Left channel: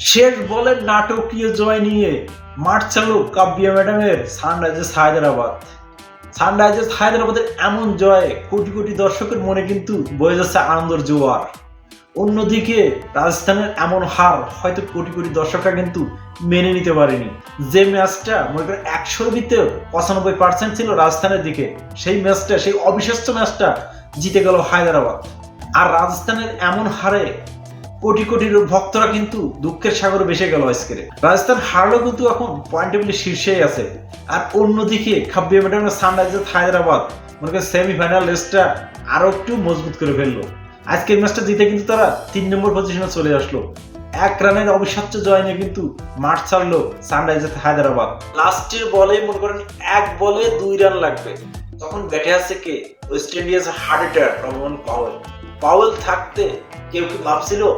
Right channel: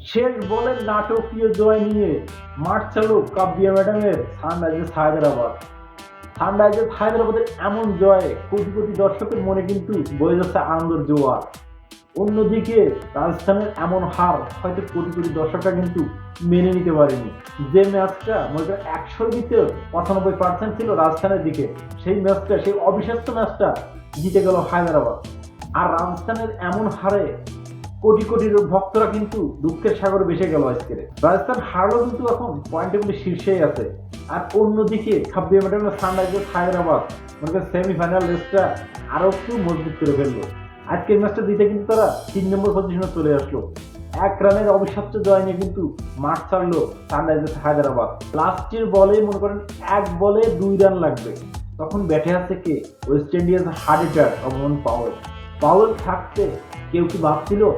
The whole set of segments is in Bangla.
শেষ বলের নাটকীয় জয় নিয়ে মাঠ চালু কাব্যা ম্যাডামের সানরাইজার্স হায়দ্রাবাদ। সানরাইজার্স হায়দ্রাবাদের এমন জয়ে কোটি কোটি দর্শকের মনে কিন্তু বয়ে যাচ্ছে আনন্দের জোয়ার। অন্যদিকে রাজস্থানের এমন হার হয়তো কোটি কোটি দর্শকরা কিন্তু মেনে নিতে পারেনি। যে ম্যাচটা মনে করেন একশোর ভিতরে পঁচানব্বই পার্সেন্ট ছিল রাজস্থানের দিকে, সেই ম্যাচটা, সেই অবিশ্বাস্য ম্যাচটা জিতে গেল হায়দ্রাবাদ। আর রাজস্থানের এমন হারে কোটি কোটি ভক্তরা কিন্তু দুঃখের সাগরে ভেসে গেল আজকে রাজস্থান হারলেও কিন্তু এখন পয়েন্ট টেবিলে শীর্ষেই আছে। আর অন্যদিকে খাব্বিয়া ম্যাডামের সানরাইজার্স হায়দ্রাবাদ, মনে করেন সেমিফাইনাল রেসটা আরও একটু মজবুত করে ফেলল। আজকের ম্যাচটা জিতে কিন্তু তারা তিন নম্বর পজিশনে চলে আসলো। এক রানের অবিশ্বাস্য জয় নিয়ে কিন্তু মাঠ ছাড়লো সানরাইজার্স হায়দ্রাবাদ। লাস্টের বলে মনে করেন এক বলে দুই রান লাগবে। তখন ব্যাটে আছে কে? West Indies hard hitter Rovman Powell Powell থাকতে কেউ কি ভাবছিল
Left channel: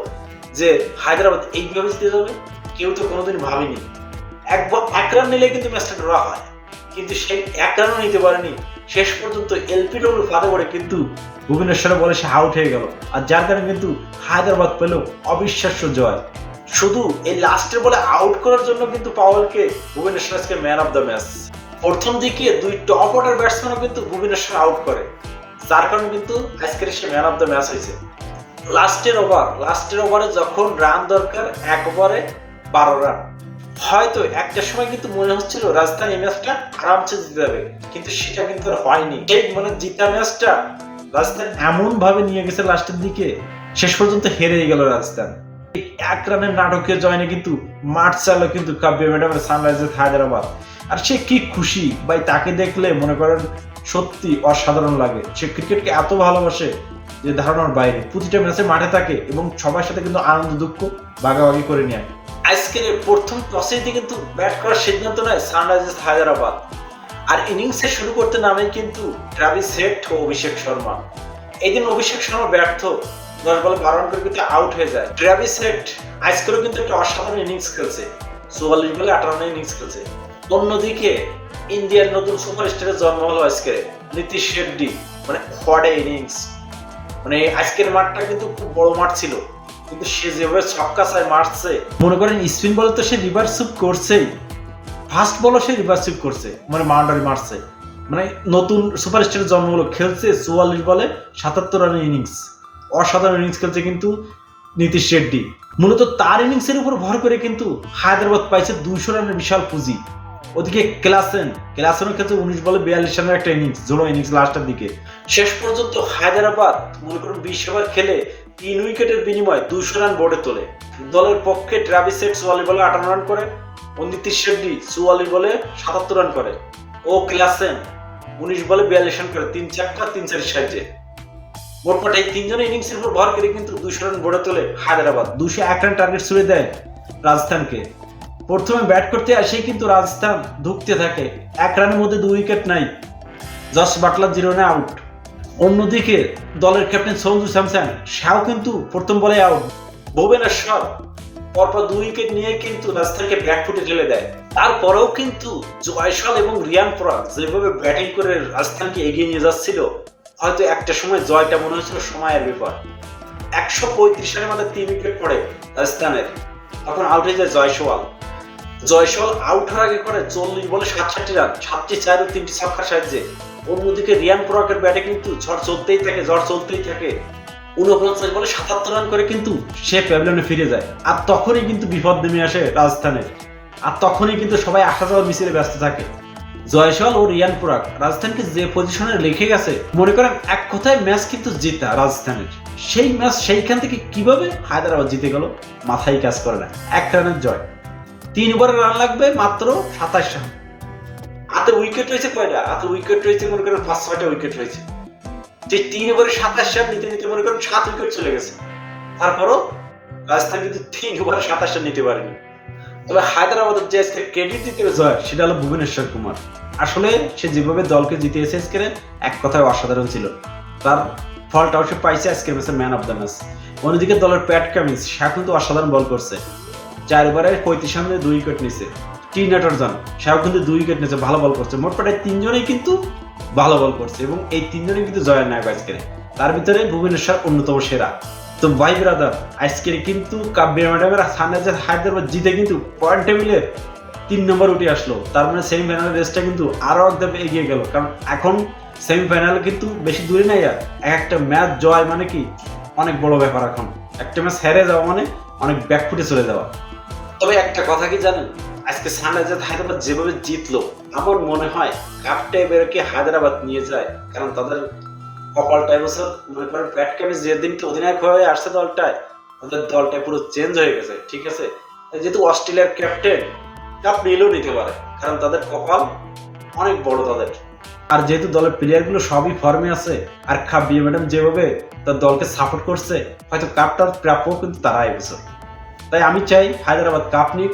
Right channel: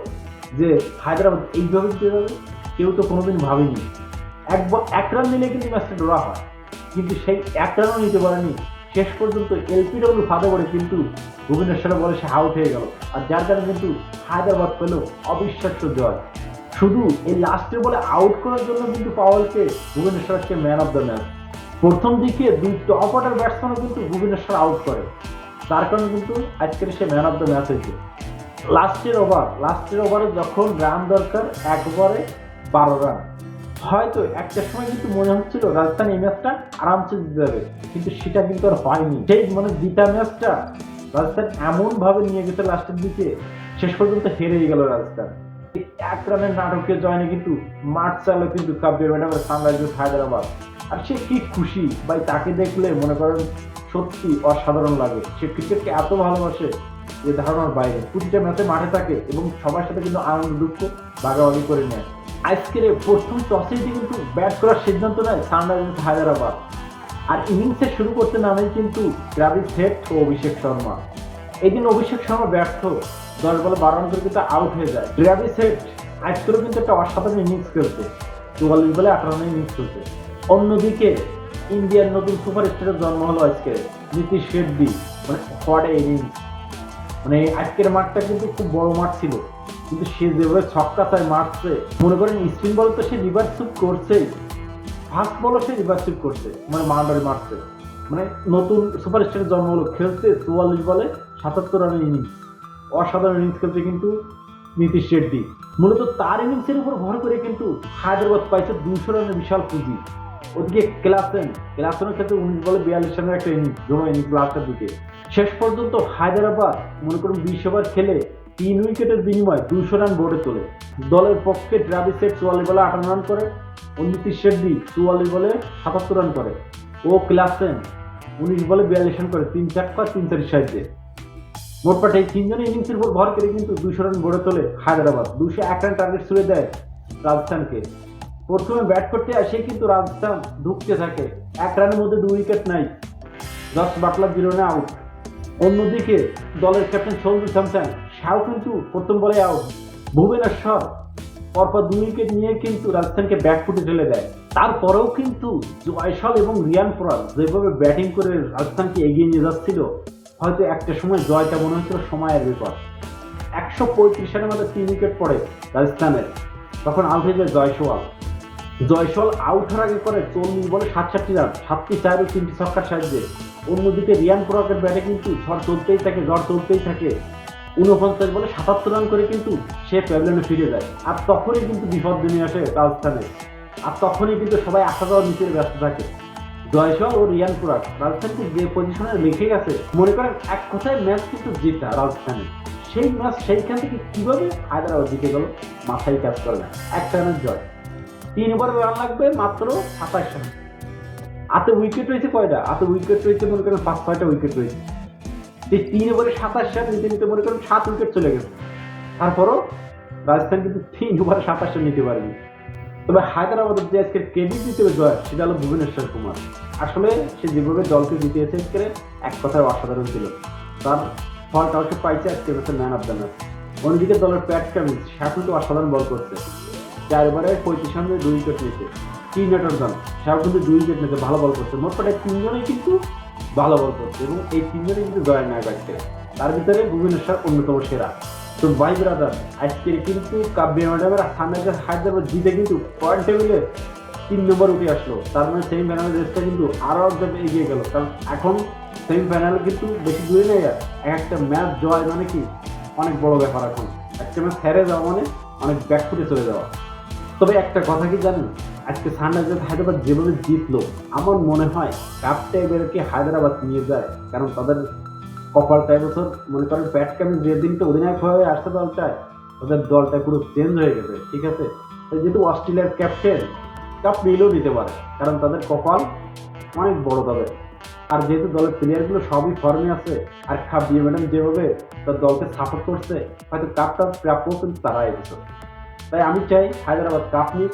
যে হায়দ্রাবাদ এইভাবে জিতে যাবে? কেউ তো কোনোদিন ভাবেনি। এক ব- এক রান নিলে কিন্তু ম্যাচটা ড্রা হয়। কিন্তু সেই এক রানও নিতে পারেনি। শেষ পর্যন্ত এলপিডব্লিউ ফাঁদে পড়ে কিন্তু ভুবনেশ্বরে বলে সে আউট হয়ে গেল। আর যার কারণে কিন্তু হায়দ্রাবাদ পেল অবিশ্বাস্য জয়। শুধু এই লাস্টের বলে আউট করার জন্য কিন্তু পাওয়ালকে ভুবনেশ্বর আজকে ম্যান অফ দ্য ম্যাচ প্রথম দিকে দুই টপ অর্ডার ব্যাটসম্যানও কিন্তু ভুবনেশ্বর আউট করে। যার কারণে কিন্তু আজকের সে ম্যান অফ দ্য ম্যাচ হয়েছে। লাস্টের ওভার লাস্টের ওভারে যখন রান দরকার, এক ওভারে বারো রান হয়তো একটা সময় কিন্তু মনে হচ্ছিল এই ম্যাচটা আরামসে জিতে যাবে, কিন্তু সেটা কিন্তু আর হয়নি। সেই মানে জিতা ম্যাচটা রাজস্থান এমন ভাবে নিয়ে গেছে লাস্টের দিকে, শেষ পর্যন্ত হেরেই গেল রাজস্থান। এক রানের নাটকীয় জয়নে কিন্তু মাঠ চালো কিন্তু কাব্য ম্যাডামের সানরাইজার্স হায়দ্রাবাদ আর সে কি খুশি? ভাই, তাকে দেখলে মনে করেন সত্যি অসাধারণ লাগে। সে ক্রিকেটকে এত ভালোবাসে যে ধারণার বাইরে। প্রতিটা ম্যাচে মাঠে থাকে এবং সবার সাথে কিন্তু আনন্দ, দুঃখ ভাগাভাগি করে নেয়। আজকের প্রথম টসে দিয়ে কিন্তু ব্যাট করার সিদ্ধান্ত নেয় সানরাইজার্স হায়দ্রাবাদ। আর ইনিংসে শুরু করতে নামে কিন্তু ট্রাভিস হেড ও অভিষেক শর্মা। এই দিন অভিষেক শর্মা ব্যর্থ। দশ বলে, বারো রান করে কিন্তু আউট হয়ে যায়। ট্রাভিস হেড আজকেরও কিন্তু একটা অসাধারণ ইনিংস খেলছে। চুয়াল্লিশ বলে আঠারো রানের ইনিংস খেলছে। অন্যদিকে ইন্ডিয়ার নতুন সুপারস্টারের জন্ম হলো আজকে, নীতিশ শেড্ডি। মানে হোয়াট ইনিংস মানে আজকের মাঠটা কিন্তু খুব বড় মাঠ ছিল। কিন্তু সে যেভাবে ছক্কা চায় মারছে, মনে করেন স্পিন বলে তো সে রিভার্স সুপ করছেই ফার্স্ট বলও সে রিভার্স সুপ করছে মানে মাউন্ডারি মারছে। মানে নতুন সুপারস্টারের জন্ম হলো খেলছে চুয়াল্লিশ বলে সাতাত্তর রানের ইনিংস অসাধারণ ইনিংস খেলছে কিন্তু নীতিশ রেড্ডি মূলত তার ইনিংসের উপর ভর করে কিন্তু হায়দ্রাবাদ পাইছে দুইশো রানের বিশাল পুঁজি। ওদিকে ক্লাসেন, ক্লাসেনের ক্ষেত্রে উনিশ বলে বিয়াল্লিশ রানের একটা ইনিংস জোড়ো ইনিংস লাস্টের দিকে। শেষ পর্যন্ত হায়দ্রাবাদ, মনে করুন বিশ ওভার খেলে তিন উইকেটের বিনিময়ে দুশো রান বোর্ডে তোলে। দলের পক্ষে ট্রাভিস চুয়াল্লিশ বলে আটান্ন রান করে ও নীতিশ রেড্ডি চুয়াল্লিশ বলে সাতাত্তর রান করে। ও ক্লাসেন, উনিশ বলে বিয়াল্লিশ রান করে, তিন চারটা তিন চারের সাহায্যে। মোটপাট এই তিনজনের ইনিংসের উপর ভর করে কিন্তু দুশো রান বোর্ডে তোলে হায়দ্রাবাদ। দুশো এক রান টার্গেট ছুড়ে দেয় রাজস্থানকে। প্রথমে ব্যাট করতে আসেই কিন্তু রাজস্থান ধুকতে থাকে। এক রানের মধ্যে দুই উইকেট নাই। জস বাটলার জিরো রানে আউট। অন্যদিকে দলের ক্যাপ্টেন সঞ্জু স্যামসন সেও কিন্তু প্রথম বলে আউট। ভুবনেশ্বর পরপর দুই উইকেট নিয়ে কিন্তু রাজস্থানকে ব্যাক ফুটে ঠেলে দেয়। তারপরেও কিন্তু জয়সল এবং রিয়ান পরাগ যেভাবে ব্যাটিং করে রাজস্থানকে এগিয়ে নিয়ে যাচ্ছিল, হয়তো একটা সময় জয়টা মনে হয়েছিল সময়ের ব্যাপার। একশো পঁয়ত্রিশ রানের মধ্যে তিন উইকেট পড়ে রাজস্থানের। তখন আউট হয়ে যায় জয়সওয়াল। জয়সওয়াল আউট হওয়ার আগে করে চল্লিশ বলে সাতষট্টি রান, সাতটি চার ও তিনটি ছক্কার সাহায্যে। অন্যদিকে রিয়ান পরাগের ব্যাটে কিন্তু ঝড় চলতেই থাকে, ঝড় চলতেই থাকে। উনপঞ্চাশ বলে সাতাত্তর রান করে কিন্তু সে প্যাভিলিয়নে ফিরে যায়। আর তখনই কিন্তু বিপদ নেমে আসে রাজস্থানে। আর তখনই কিন্তু সবাই আসা যাওয়া মিছিলে ব্যস্ত থাকে। জয়সওয়াল ও রিয়ান পুরাক রাজস্থানকে যে পজিশনে রেখে গেছে, মনে করেন এক কথায় ম্যাচ কিন্তু জিতা রাজস্থানের। সেই ম্যাচ সেইখান থেকে কীভাবে হায়দ্রাবাদ জিতে গেল, মাথায় কাজ করে না। এক রানের জয়। তিন ওভারে রান লাগবে মাত্র সাতাশ রান। হাতে উইকেট রয়েছে কয়টা? হাতে উইকেট রয়েছে মনে করেন পাঁচ, ছয়টা উইকেট রয়েছে। যে তিন ওভারে সাতাশ রান নিতে নিতে মনে করেন সাত উইকেট চলে গেছে। তারপরও রাজস্থান কিন্তু তিন ওভারে সাতাশ রান নিতে পারেনি। তবে হায়দ্রাবাদের যে আজকে ক্রেডিট দিতে হবে জয়, সেটা হলো ভুবনেশ্বর কুমার। আসলে সে যেভাবে দলকে জিতিয়েছে আজকে এক কথায় অসাধারণ ছিল। তার ফলটাও সে পাইছে আজকের ম্যান অফ দ্য ম্যাচ অন্যদিকে দলের প্যাট কামিন্স সে কিন্তু অসাধারণ বল করছে। চারবারে পঁয়ত্রিশ রানে দুই উইকেট নিয়েছে টি নেটরজন সেও কিন্তু দুই উইকেট নিয়েছে, ভালো বল করছে। মোট প্রায় তিনজনেই কিন্তু ভালো বল করছে এবং এই তিনজনেই কিন্তু জয়ের নায়ক আজকে। তার ভিতরে ভুবনেশ্বর অন্যতম সেরা। তো ভাই ব্রাদার, আজকের কিন্তু কাব্য ম্যাডামের সানরাইজার হায়দ্রাবাদ জিতে কিন্তু পয়েন্ট টেবিলে তিন নম্বর উঠে আসলো। তার মানে সেমিফাইনালের রেসটা কিন্তু আরও একদম এগিয়ে গেল। কারণ এখন সেমিফাইনাল কিন্তু বেশি দূরে নেই আর এক একটা ম্যাচ জয় মানে কি? অনেক বড় ব্যাপার এখন। একটা ম্যাচ হেরে যাওয়া মানে অনেক ব্যাকফুটে চলে যাওয়া। তবে একটা কথা কি জানেন? আজকে সানরাইজার হায়দ্রাবাদ যেভাবে জিতলো, আমার মনে হয় কাপটা এবারকে হায়দ্রাবাদ নিয়ে যায়। কারণ তাদের কপালটা এবছর মনে করেন প্যাট ক্যামিস যেদিন তো অধিনায়ক হয়ে আসছে দলটায় ওদের দলটা পুরো চেঞ্জ হয়ে গেছে, ঠিক আছে? যেহেতু অস্ট্রেলিয়ার ক্যাপ্টেন কাপ নিলেও নিতে পারে, কারণ তাদের কপাল অনেক বড় তাদের। আর যেহেতু দলের প্লেয়ারগুলো সবই ফর্মে আছে, আর খাবিয়ে ম্যাডাম যেভাবে তার দলকে সাপোর্ট করছে, হয়তো কাপটার প্রাপ্য কিন্তু তারা এবছর তাই আমি চাই হায়দ্রাবাদ কাপ নিক।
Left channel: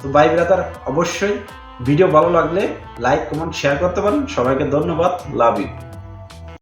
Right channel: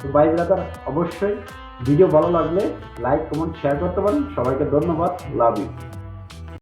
তো বাই ব্রাদার, অবশ্যই ভিডিও ভালো লাগলে লাইক, কমেন্ট শেয়ার করতে পারেন। সবাইকে ধন্যবাদ। Love you.